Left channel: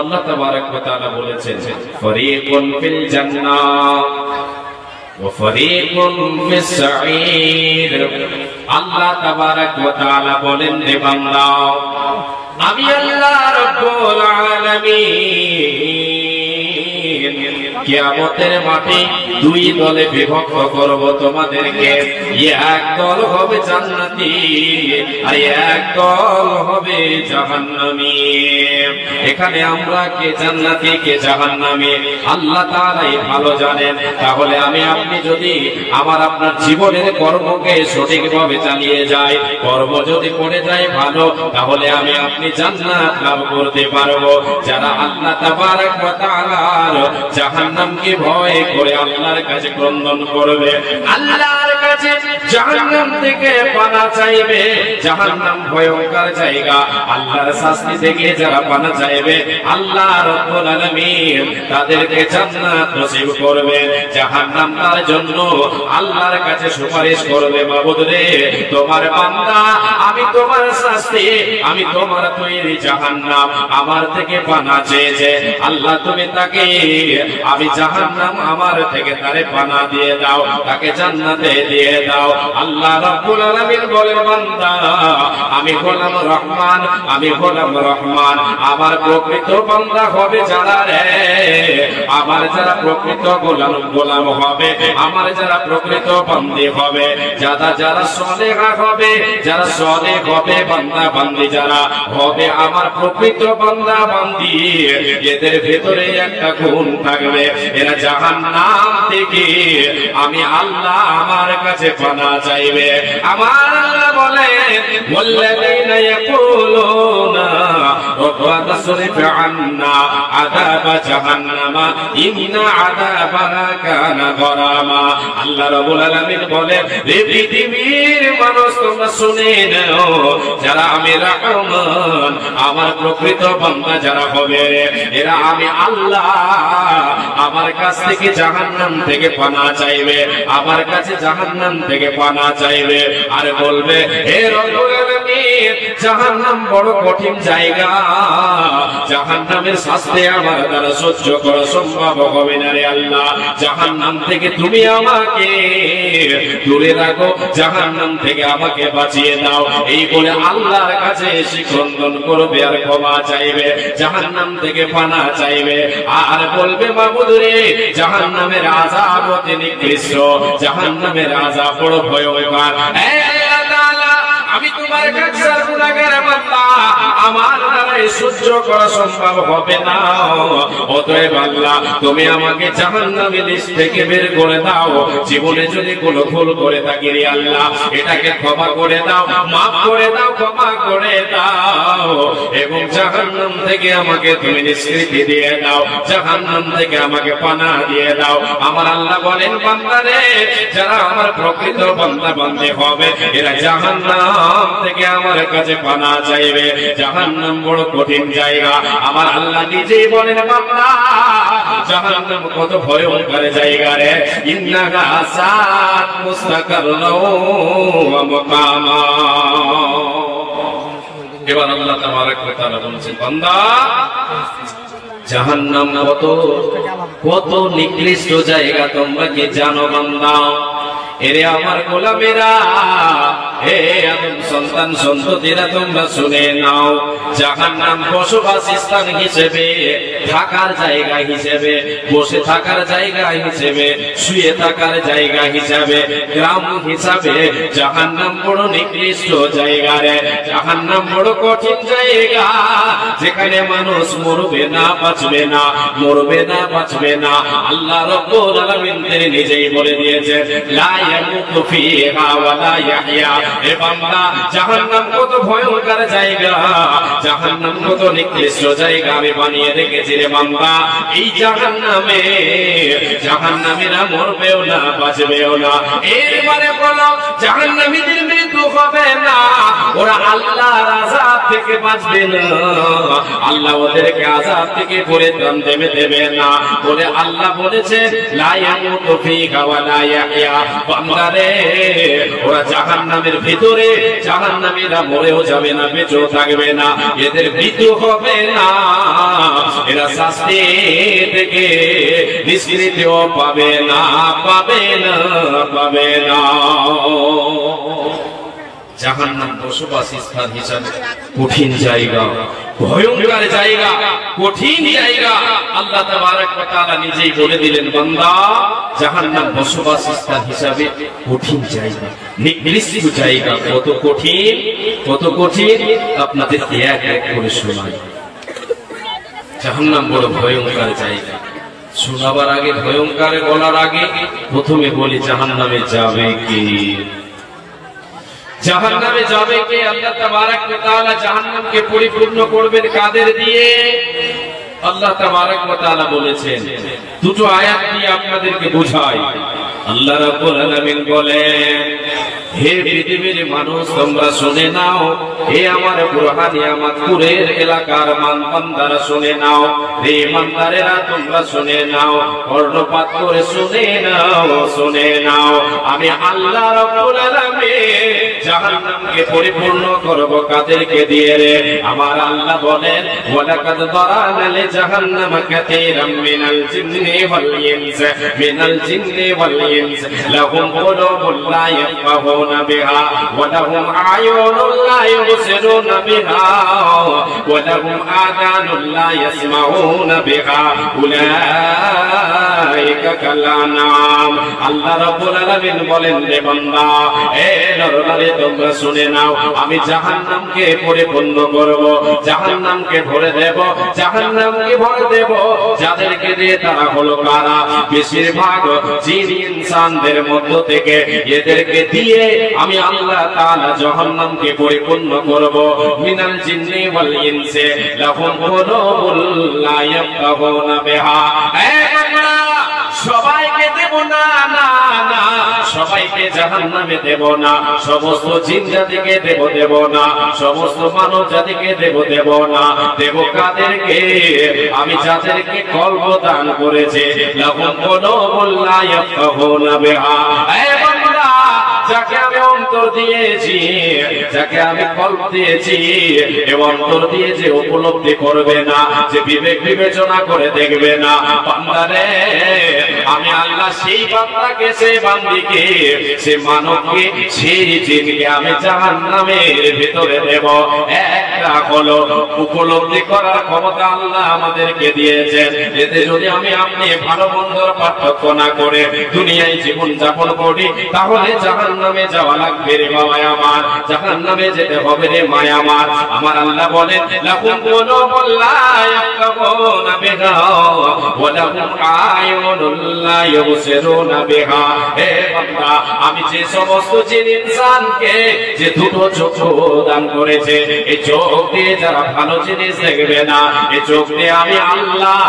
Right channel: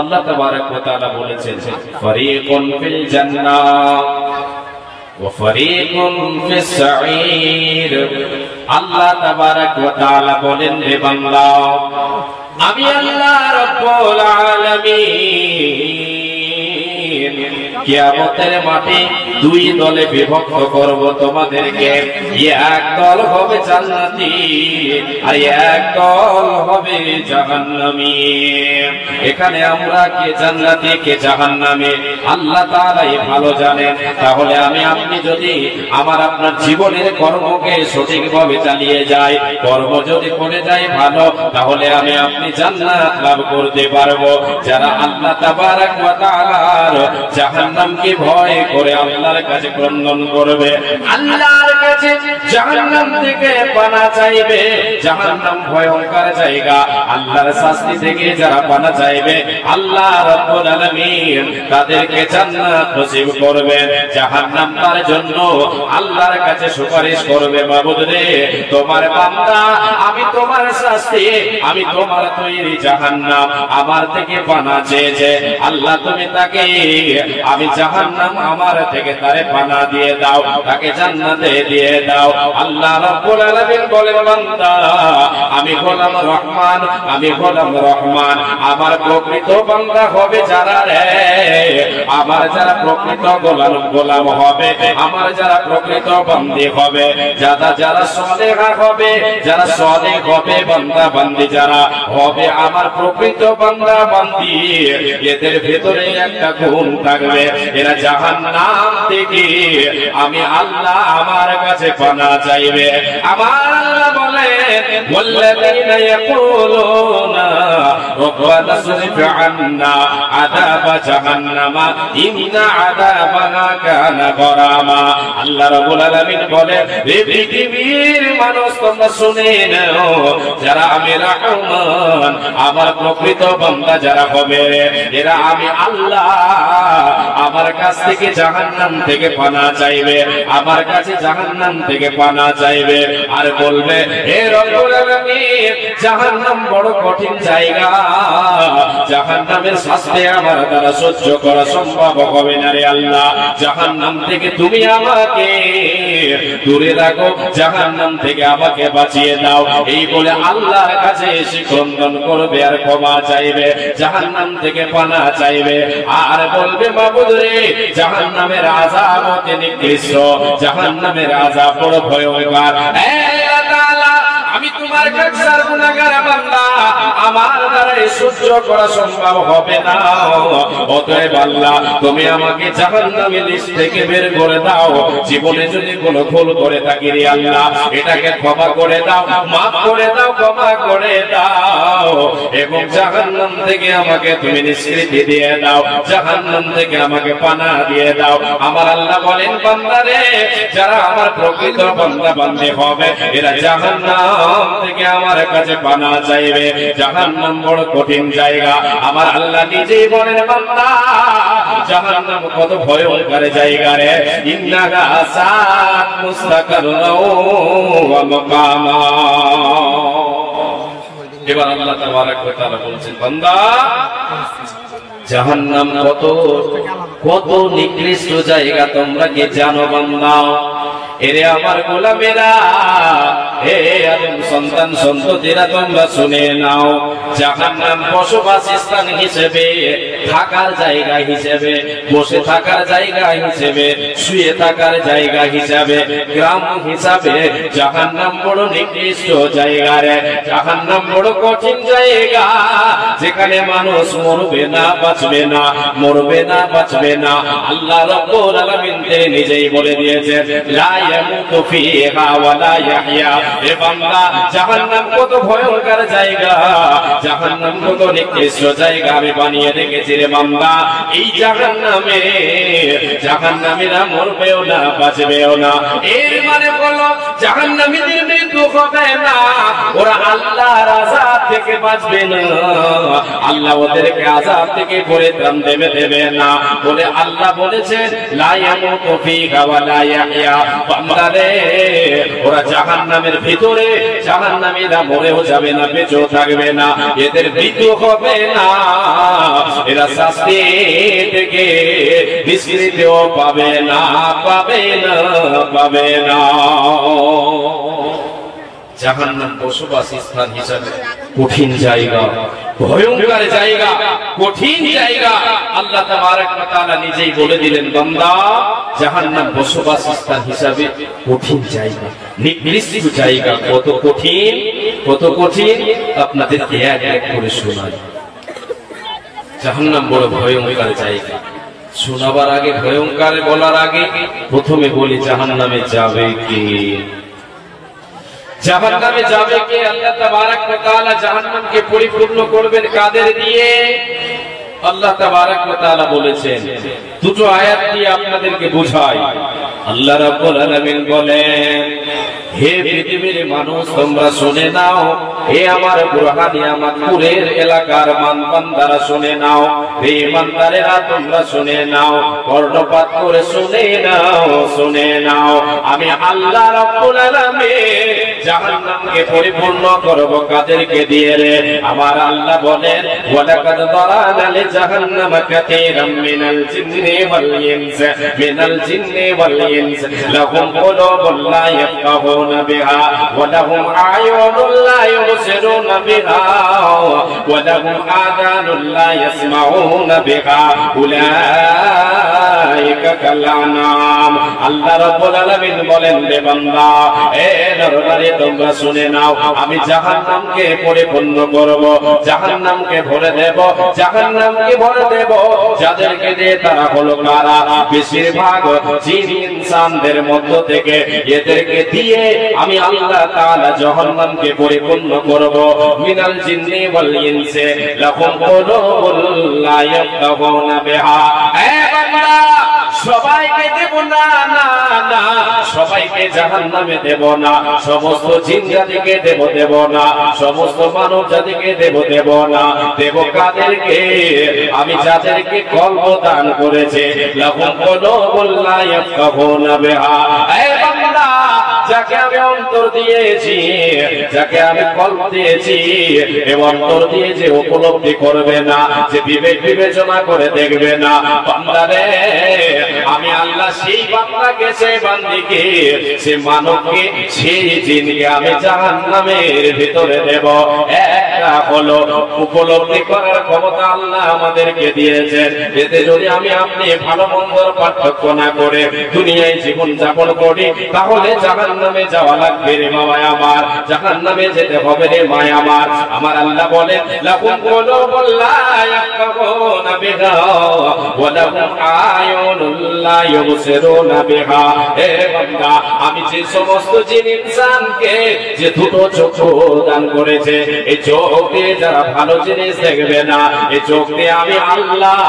আল্লাহ তাবারক ওয়া তাআলা বলেছেন ফারিকুন ফিল জান্নাহ ওয়া ফারিকুন ফিস সাঈর। আল্লাহ তাবারক ওয়া তাআলা বলেন, হে বান্দা, আমি আল্লাহ রাব্বুল আলামিন কিয়ামতের মাঠে দুই দলে বিভক্ত করব তোমাদেরকে। এক দল হবে জান্নাতি আর এক দল হবে জাহান্নামী। এখানে আমরা কে জান্নাতি কে জাহান্নামী আল্লাহ তাআলাই ভালো জানেন। তাহলে আমি আপনি যদি আমার আপনার জীবনের কর্মকে সঠিকভাবে চালিয়ে যাই, কর্ম যদি করে যাই ভালো, তাহলে আমি আপনি জান্নাত লাভ করতে পারবো। যারা আল্লাহ তাবারক ওয়া তাআলার জাহান্নামকে ভয় করে আল্লাহর কাছে ক্রন্দন করবে, আল্লাহর কাছে জাহান্নাম থেকে পানা চাইবে, জাহান্নাম ভয়ঙ্কর জায়গা, আল্লাহর শাস্তি থেকে যারা পানা চাইবে, আল্লাহ রাব্বুল আলামিন তাদেরকে জান্নাত নসিব করবে। জাহান্নাম তার জন্য আল্লাহর কাছে সুপারিশ করবে, মাবুদ রে, তোমার বান্দা, আমি তোমার শাস্তি, আমি তোমার তৈরি জাহান্নাম আমার থেকে পানা চেয়েছে, আল্লাহ তুমি তাকে, আমি জাহান্নাম আমার থেকে তারে পানা দিয়ে দাও, তাকে জান্নাতে দিয়ে দাও। আল্লাহ রাব্বুল আলামিন বলেন, বান্দা, আমি গোলাম রহমান, আমি গোলাম রহমান, আমার প্রকৃত বান্দা হবে যারা রে, আমার যারা প্রকৃত গোলাম হবে, আমার যারা প্রকৃত বান্দি হবে, যারা সালেহা হবে, যারা সালেহ হবে, বান্দা বান্দি যারা হবে আমার প্রকৃত বান্দা বান্দি, এদের ভেতরে একটা গুণ থাকবে, এরা জাহান্নাম থেকে আমি আল্লাহ আমার কাছে পানা চাইবে। আমার আল্লাহ বলে, ওয়াল্লাযীনা ইয়াকুলুনা রব্বানা সরিফ আন্না আযাবা জাহান্নামা ইন্না আযাবাহা কানা গরামা। আল্লাহ রাব্বুল আলামিন বলেন, হে পৃথিবীর মানুষ, তোমরা শুনে নাও, যারা আমি রহমান আমার প্রকৃত বান্দা যারা হবে, এরা আমি আল্লাহ আমার কাছ থেকে জাহান্নাম থেকে পানা চাইবে, আমার কাছে জাহান্নাম থেকে পানা চাইবে, আর বলবে, হে রব্বুল আলামিন, জাহান্নাম বড় কঠিন জায়গা, জাহান্নামের শাস্তি আমার দ্বারা সহ্য করা সম্ভব হবে না রে আল্লাহ, জাহান্নাম থেকে তুমি আমাকে দূরে রাখো, জাহান্নাম থেকে আমাকে বাঁচিয়ে দাও। এই বলে আল্লাহর কাছে এসে ক্রন্দন করবে আর ক্ষমা চাইবে, জাহান্নাম থেকে পানা চাইবে, আর বলবে, মাবুদ রে, জাহান্নামের আযাব অতি নিকৃষ্ট, জাহান্নামের আযাব বড় ভয়ঙ্কর, আমি তোমার কাছে গুনাহগার বান্দা, আমার দ্বারা সহ্য করা সম্ভব হবে না, অতএব আল্লাহ তুমি আমাকে জাহান্নামের লিস্ট থেকে বের করে দাও। জীবনে যদি কোনো ভুল করে থাকি রে আল্লাহ, এটাকে ক্ষমা করে দাও, মাফ করে দাও, ক্ষমা করে দাও, এবং জাহান্নাম থেকে আমাকে তুমি নিষ্কৃতি দিয়ে দাও, জাহান্নাম থেকে আমাকে পানা দিয়ে দাও। আমার আল্লাহ বলেন, বান্দা রে, যারা আমার প্রকৃত বান্দা বান্দী হবে, এরা জাহান্নাম থেকে আমার কাছে পানা চাইবে, জাহান্নাম বড় কঠিন জায়গা। আমার আল্লাহ নিজেই বলেন, বান্দা, জাহান্নাম কত ভয়ঙ্কর জায়গা রে, ইন্নাহা সাআত মুস্তাকাররাও ওয়া মাকামা। এবার আল্লাহ তাবারক ওয়া তাআলা বলছেন, বান্দা, জাহান্নাম কত নিকৃষ্ট জায়গা তোমরা কি জানো বান্দা? এরে আমার গোলামেরা, হে আদম সন্তান সন্ততিরা, তোমরা শুনে নাও, জাহান্নাম বসবাস স্থান হিসেবে, থাকার জায়গা হিসেবে, বসে থাকার জায়গা হিসেবে, শুয়ে থাকার জায়গা হিসেবে, গ্রাম হিসাবে জাহান্নাম বড় নিকৃষ্ট জায়গা রে, জাহান্নাম বড় কঠিন জায়গা, যেখানে মানুষ মরবে না, বাঁচবে না, মরবে না, বাঁচবে না। আল্লাহ রাব্বুল আলামিন তিনি নিজেই বলে দিয়েছেন, লা ইয়ামুতু ফিহা ওয়া লা ইয়াহইয়া। হে বান্দা, জাহান্নাম কত ভয়ঙ্কর জায়গা, জাহান্নাম কত নিকৃষ্ট জায়গা আমি বানিয়ে রেখেছি রে বান্দা। এই জাহান্নামে জাহান্নামীরা মরবেও না, বাঁচবেও না। এর মানে হলো জাহান্নামীদের মৃত্যু হবে না, ওরা আল্লাহর আযাব থেকে বাঁচবে না, আল্লাহ ওদেরকে আযাব থেকে পরিত্রাণ দেবে না বলে আল্লাহ বলেছে, লা ইয়ামুতু ফিহা ওয়া লা ইয়াহইয়া। বান্দা রে, ওরা জাহান্নামের ভিতরে, জাহান্নামীরা মরেও যাবে না, বেঁচেও থাকবে না, এদের মৃত্যু হবে না, এরা শাস্তি থেকে নিষ্কৃতিও পাবে না, পাবে না, পাবে না। জাহান্নাম বসবাস স্থান হিসাবে কঠিন জায়গা, ভয়ঙ্কর জায়গা, কঠিন জায়গা। আল্লাহ তাবারক ওয়া তাআলা নিজেই বলে দিলেন, বান্দা জাহান্নাম বসবাস স্থান হিসাবে কঠিন জায়গা, নিকৃষ্ট জায়গা। কত কঠিন, কত কঠিন আপনাদেরকে এক এক করে শোনাই। জাহান্নাম বড় ভয়ঙ্কর জায়গা। শোনাবার আগে, ভয়ঙ্কর বলার আগে প্রথমে বলি জাহান্নামে যাবে কে? জাহান্নামে যাবে কে? আল্লাহ তাবারক ওয়া তাআলা জাহান্নামকে পরিপূর্ণ করবেন কাদের দিয়ে? আল্লাহ তাবারক ওয়া তাআলা বলেছেন, দুটো আয়াত দিয়ে আপনাদেরকে বোঝাই। আল্লাহ রাব্বুল আলামিন বলেন, হে পৃথিবীর মানুষ তোমরা শুনে নাও, হে আমার বুরহানিয়ামাতপুরের এলাকার বান্দারা শুনে নাও, হে ইমানদারেরা তোমরা শুনে নাও, কর্ণপাত করে শুনে নাও, শুনে নাও। আমি আল্লাহ রাব্বুল আলামিন জাহান্নামকে পরিপূর্ণ করব কাদেরকে দিয়ে রে? আমার আল্লাহ বলেন, ওয়ালাকাদ দারানা লিজাহান্নামা কাসীরাম মিনাল জিন্নি ওয়াল ইনস, মিনাল জিন্নি ওয়াল ইনস লাহুম কুলুবুন লা ইয়াফকাহুনা বিহা ওয়া লাহুম আ'য়ুনুন লা ইবসিরুনা বিহা ওয়া লাহুম আযানুন লা ইয়াসমাউনা বিহা উলাইকা কালানাম। আল্লাহ রাব্বুল আলামিন বলেন, রে বান্দা, এ নরনারী তোমরা শুনে নাও, আমি জাহান্নামকে পরিপূর্ণ করব, জাহান্নামকে ভরে দেব, জাহান্নামকে ভরে দেব। যাদেরকে দিয়ে তারা হলো কারা? বেশিরভাগ জিন ইনসানদের মধ্য থেকে এদেরকে দিয়ে আমি আল্লাহ তাআলা জাহান্নামকে পরিপূর্ণ করব। মিনাল জিন্নি ওয়াল ইনসি লাহুম কুলুবুন লা ইয়াফকাহুনা বিহা। এ বান্দা, সবাইকে দেব না, না না, সবাইকে জাহান্নামে দেব না। সমস্ত জিন জাতিকে দেব না, সমস্ত মানব জাতিকে দেব না। দেব কাদেরকে? আমি যাদেরকে কল্প দান করেছে, লাহুম কুলুবুন লা ইয়াফকাহুনা বিহা। এ বান্দা, যাকে আমি অন্তর দিয়েছি, যাকে আমি কল্প দিয়েছি, এ অন্তর দিয়ে যে উপলব্ধি করবে না, যে বিবেক বিবেচনা করে দেখবে না, বান্দারে আমি আল্লাহ সেই বান্দাকে, সে বান্দিকে, সে মানবকে, সেই জিনকে আমি জাহান্নামের ভিতরে দেব। একটা হলো উপলব্ধি করার ক্ষমতা আল্লাহ আমাদেরকে দিয়েছেন। এতে যদি আমি আপনি ভালো মন্দর পার্থক্য না করে দুনিয়ায় জীবন যাপন করি, তাহলে জাহান্নামে যাওয়া লাগবে রে মামায় আমার, জাহান্নামে যেতে হবে রে মায় আমার। আমার আল্লাহ বলেন, লাহুম কুলুবুন লা ইয়াফকাহুনা বিহা ওয়া লাহুম আ'য়ুনুন লা ইবসিরুনা বিহা। হে বান্দা, আমি যে সমস্ত জিন ইনসানকে যে দুটো চক্ষু দান করেছে, এই চোখ দিয়ে যারা ভালো জিনিস দেখবে না, এই চোখ দিয়ে আমি আল্লাহ,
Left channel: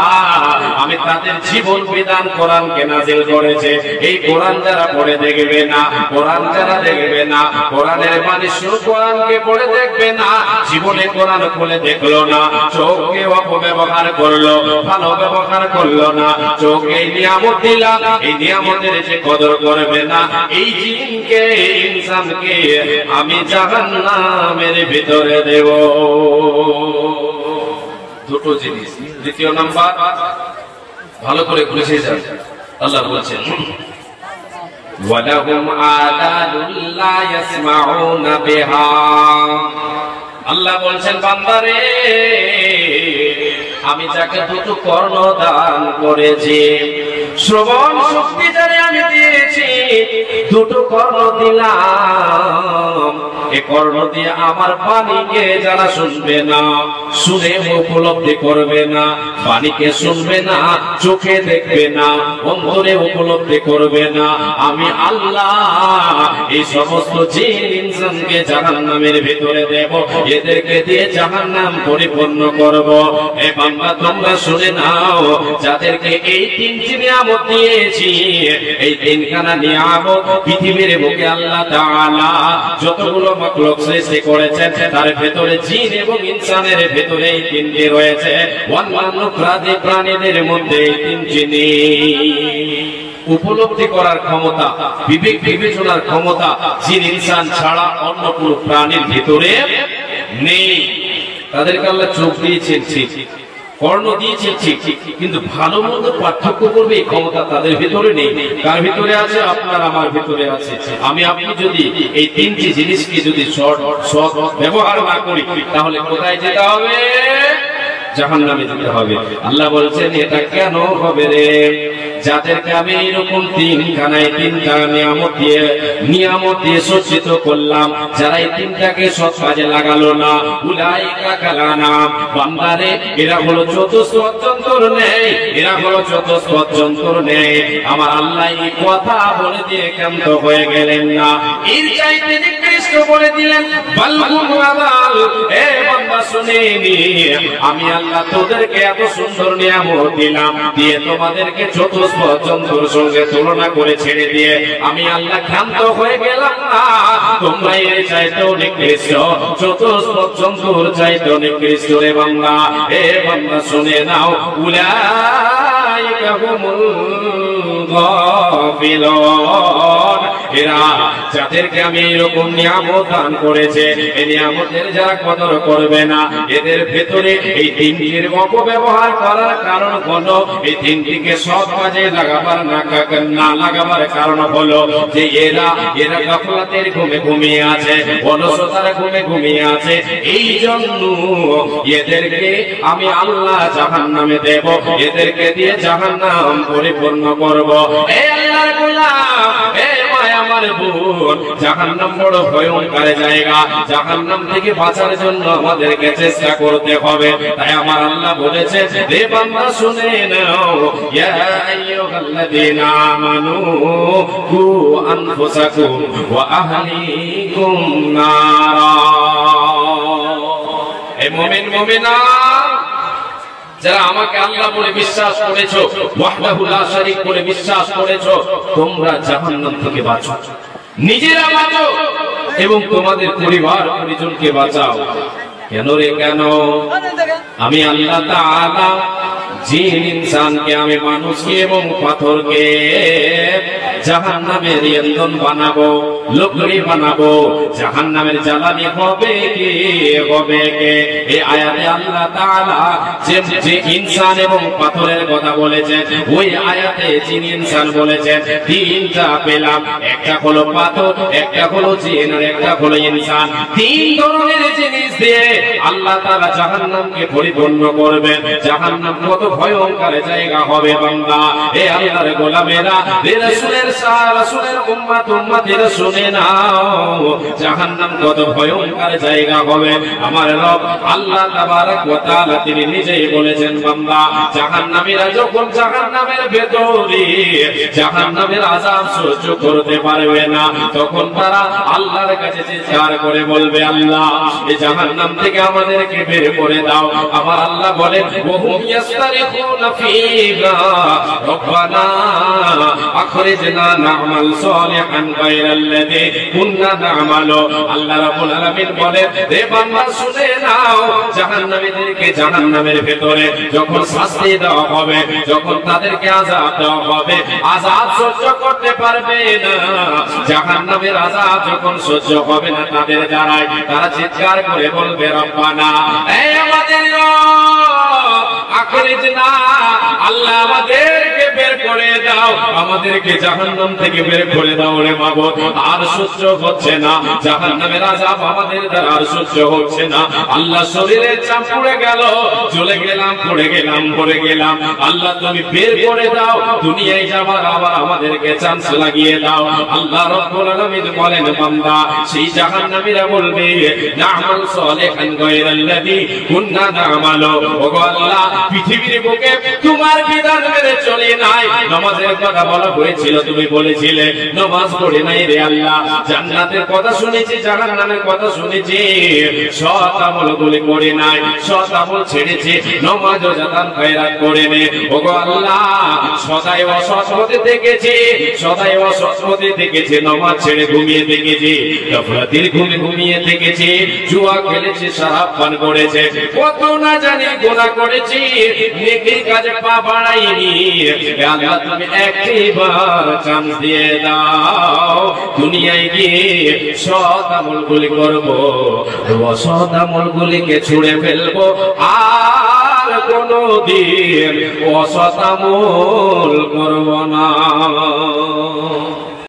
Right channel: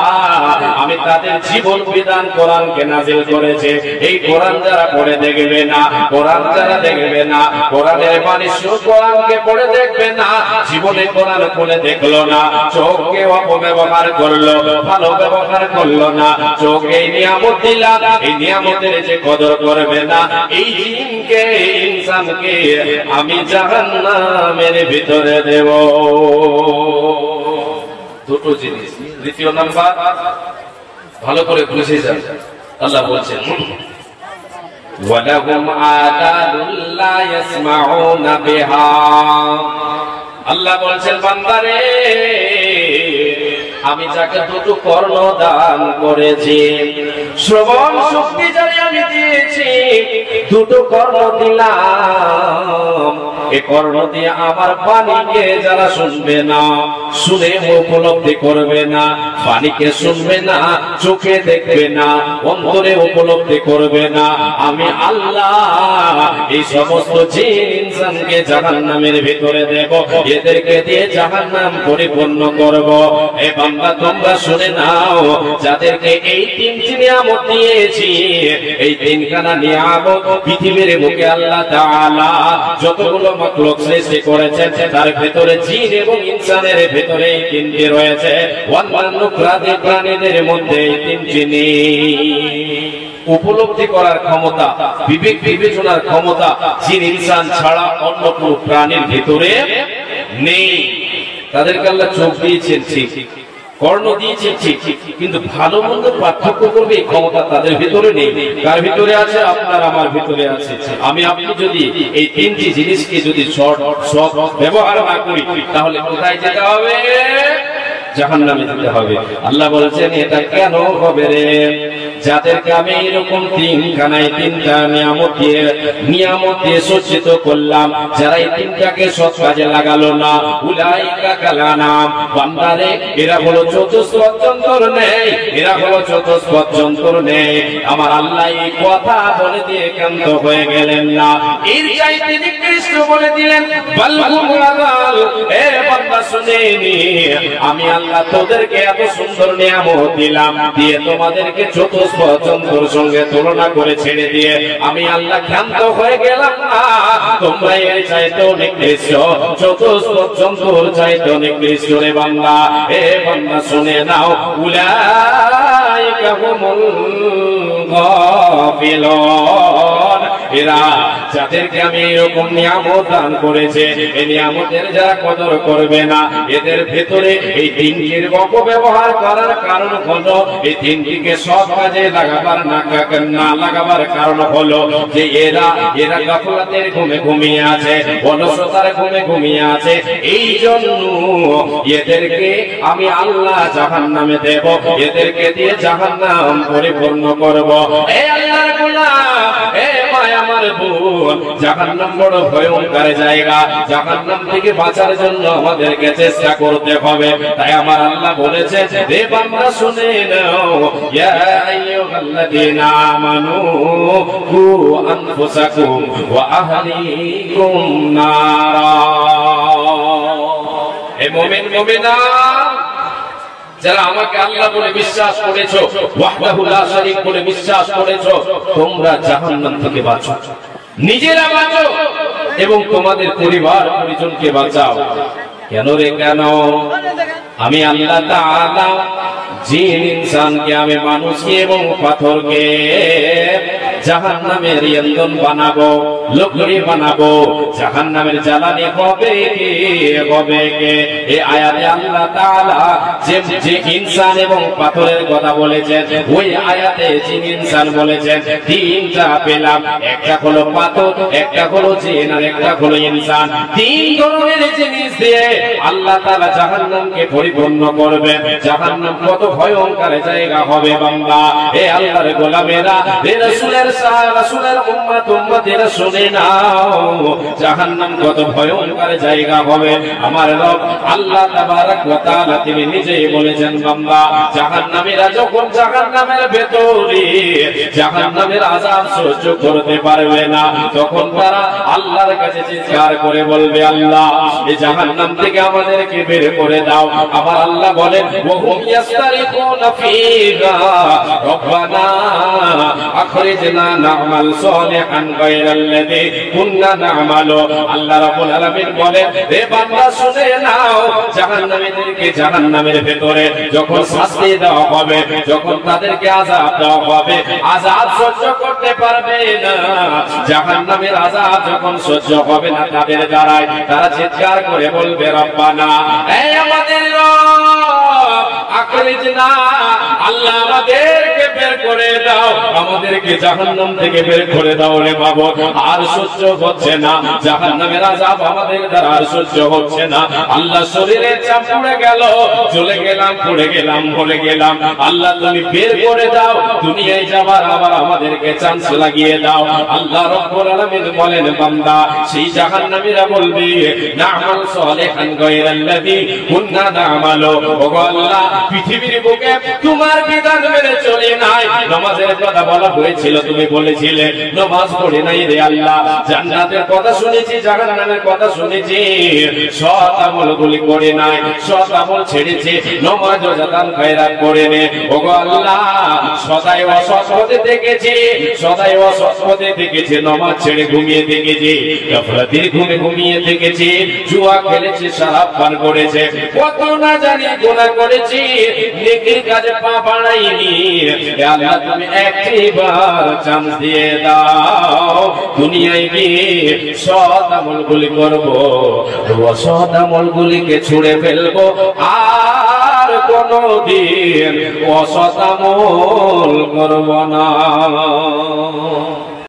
আমি তাদের জীবন বিধান কোরআনকে নাযিল করেছে। এই কোরআন যারা পড়ে দেখবে না, কোরআন যারা দেখবে না, কোরআনের বাণী শুনে কোরআনকে পড়ে দেখবে না, জীবনে কোরআন খুলে দেখলো না, চোখকে অপব্যবহার করলো, ভালো ব্যবহার করলো না, চোখ এই নিয়ামত দিলাম, এই নিয়ামতের যে কদর করবে না, এই জিনকে, ইনসানকে আমি জাহান্নামের ভিতরে দেব। দুটো জিনিস। দ্বিতীয় নাম্বার, ভালো করে বুঝে যান, আল্লাহ বলছেন, ওয়ালাহুম আযানুন লা ইয়াসমাউনা বিহা। আল্লাহ বলছেন, বান্দারে আমি যাকে দুটো কর্ণ দান করেছি, শ্রবণ শক্তি যারে আমি দিয়েছি, দুটো কর্ণ দিলাম, এই কর্ণ দিয়ে আমার বাণীকে যারা শুনবে না, শুনে উপলব্ধি করবে না, বাণীকে শুনবে না, চোখে দেখবে না, অন্তরে উপলব্ধি করবে না, আমি আল্লাহ এই সমস্ত জিন ইনসানকে জাহান্নামের ভিতরে দেব, এদেরকে দিয়ে জাহান্নাম পরিপূর্ণ করব। এ বান্দা, তোমরা শুনে নাও, যাদেরকে এই তিনটি নিয়ামত দিয়েছি, এই তিনখানা নিয়ামত পৃথিবীর বুকে আল্লাহ তাআলা যতগুলো মাখলুক সৃষ্টি করেছেন, তার ভেতরে জিন এবং ইনসানের ভেতরে এই তিনটি রয়েছে, অন্যান্য প্রাণীদের মধ্যে এই তিনটি নেই। উপলব্ধি করার ক্ষমতা, বিবেক বিবেচনার ক্ষমতা জিন ইনসান ছাড়া অন্য কোনো প্রাণীর ভিতরে নেই। তাদেরকে আল্লাহ চোখ দিয়েছেন ঠিক, কর্ণ দিয়েছে ঠিক, কিন্তু ভালো মন্দ পার্থক্য করবে এই ক্ষমতা তাদের ভিতরে নেই। কার ভিতরে আছে? আপনার আমার ভিতরে আছে। আমি আপনি যদি এই তিনটি জিনিসকে যদি সৎ ব্যবহার না করি, তাহলে কোথায় যেতে হবে? জাহান্নামে যেতে হবে। আল্লাহ বলছেন এটা কেন হবে রে? যাদেরকে আমি এরকম তিনটা নিয়ামত দিয়ে সজ্জিত করলাম, যারা এই তিনটাকে সৎ কাজে লাগালো না, উলাইকা কালানাম, বান্দারে এরা হলো চতুষ্পদ জন্তুর নেই, এরা হলো চতুষ্পদ জন্তুর নেই। আমার আল্লাহ এই কথা বলে দিয়ে ক্ষান্ত হয়ে গেলেন না, এর চাইতে নিকৃষ্ট বলে দিলেন বালহুম আযাল। এ বান্দা শুনে নি, আমি আল্লাহ তোদেরকে এত সুন্দর নিয়ামত দিলাম, দিয়ে তোমাদেরকে চতুষ্পদ জন্তুর সঙ্গে তুলনা করে ছেড়ে দিয়ে আমি আল্লাহ ক্ষান্ত হয়ে গেলাম না। তোমরা এর চাইতে নিকৃষ্ট, চতুষ্পদ জন্তুর চাইতে নিকৃষ্ট রে বান্দা। এ বান্দা শুনে নাও, উলাইকা হুমুল গাফিলুন, এরা যাদেরকে আমি এরকম নিয়ামত দান করেছে, এই নিয়ামতের যারা কদর করবে না, এদের ভেতরে এই তিনটির অপব্যবহার করার কারণ হলো, এই তিনটিকে সৎ কাজে লাগাবার না লাগাবার কারণ হলো যে এরা গাফলাতের ঘুমে ঘুমিয়ে আছে, অলসতার ঘুমে ঘুমিয়ে আছে। এই জন্য এদেরকে আমি আল্লাহ জাহান্নামে দেব, এদেরকে দিয়ে জাহান্নাম পরিপূর্ণ করব। এই আল্লাহর গোলাম, এ আমার বোন, জাহান্নাম বড় ভয়ঙ্কর জায়গা। জাহান্নাম থেকে বাঁচার জন্য আমাদেরকে চেষ্টা করতে হবে। তাই আমার আল্লাহ বলেছে, হে বান্দা শুনে নাও, ইয়া আইয়ুহাল্লাযীনা আমানু কু আনফুসাকুম ওয়া আহলিকুম নারা। হে মুমিন মুমিনা, যারা আমাকে আল্লাহ বলে বিশ্বাস করেছো, ওয়াহদাহু লা শারীক বলে বিশ্বাস করেছো, তোমরা জাহান্নাম থেকে বাঁচো, নিজেরা বাঁচো এবং তোমাদের পরিবার পরিজনকে বাঁচাও। কেন রে কেন? আমি আল্লাহ তাআলা জিন ইনসানকে, আমি মানুষকে এবং পাথরকে জাহান্নামের ইন্ধন বানাবো, লকড়ি বানাবো। জাহান্নামের জ্বালানি হবে কে? হবে কে? এই আয়াতে আল্লাহ তাআলা যে ইনসান এবং পাথরের কথা বলেছেন, ওই আয়াতে জিন ইনসান বলেছেন তিনটা পেলাম, একটা হলো পাথর, একটা হলো জিন, আর একটা হলো ইনসান। তিন ধরনের জিনিস দিয়ে আল্লাহ তাআলা জাহান্নামকে পরিপূর্ণ করবেন। জাহান্নাম কত ভয়ঙ্কর জায়গা হবে বান্দা। এ আল্লাহর গোলামেরা, এ রাসূলের উম্মতেরা শুনে নাও, জাহান্নাম কত ভয়ঙ্কর জায়গা হবে। আমার রব আল্লাহ তাবারক ওয়া তাআলা তিনি নিজেই বলেছেন, বান্দা জাহান্নামীরা যখন জাহান্নামের ভেতরে জাহান্নামের আযাব সহ্য করতে পারবে না, তখন তারা আল্লাহর কাছে চিৎকার করে বলবে, আল্লাহ এই জাহান্নাম থেকে আমাদেরকে বের করে দাও। আমার আল্লাহ বলেন, ওহুম ইয়াস্তারিখুনা ফীহা রব্বানা আখরিজনা না'মাল সালিহান গায়রাল্লাযী কুননা না'মালু। আল্লাহ রাব্বুল আলামিন বলেন, হে বান্দা শুনে নাও, জাহান্নামীদেরকে জাহান্নামের ভেতরে যখন শাস্তি দেওয়া হবে, যখন তাদেরকে আযাব দেওয়া হবে, আযাব সহ্য করতে পারবে না। জাহান্নামের আযাব যখন সহ্য হবে না তাদের দ্বারাই, তারা চিৎকার করে বলবে, রব্বানা, হে আমাদের রব, আখরিজনা, আল্লাহ আমাদেরকে বের করে দাও, আমাদেরকে জাহান্নাম থেকে বের করে দাও রে মাবুদ। আর সহ্য হচ্ছে না, জাহান্নামের আযাব আমাদের দ্বারা আর সহ্য হচ্ছে না। আল্লাহ শরীরে চাপ পড়ে গেল, জ্বলে গেলাম, পড়ে গেলাম, পড়ে গেলাম। আল্লাহ তুমি বের করে দাও, দুনিয়ায় যাবার আবার আমাদেরকে চান্স লাগিয়ে দাও। আল্লাহ রাব্বুল আলামিন বলেন, বান্দা সেই জাহান্নামীরা বলবে, না'মাল সালিহান গায়রাল্লাযী কুননা না'মালু। ওগো আল্লাহ, পৃথিবীর বুকে তোমার বিধান মেনে চলে নাই, নামাজের কথা বলা হয়েছিল, তুমি বলেছিলে নামাজ পড়ে নাই রে আল্লাহ। জান্নাতের কথা শুনেছি, জাহান্নামের কথা শুনেছি, সৎ আমলগুলি করে নাই, সৎ আমল ছেড়েছে, নামাজ রোজা দান খয়রাত করে নে। ওগো আল্লাহ, সদাই অসৎ হতে দেখেছি, সদাই অসৎ হতে দেখেছি, নামাজ ছেড়ে ঘুমিয়ে দেখেছি, গাফলাতের ঘুমে ঘুমিয়ে দেখেছি, জুয়া খেলেছে, শরাব পান করেছে, কত না জানি গুনাহ করেছি, নেকির কাজে পা বাড়াইনি। হে আল্লাহ, তুমি একবার চান্স দিয়ে দাও, দুনিয়ায় গিয়ে সৎ আমলগুলি করবো, অসৎ আমলগুলিকে ছুঁড়ে ফেলবো, আর কোন কোনদিন অসৎ আমল করব না।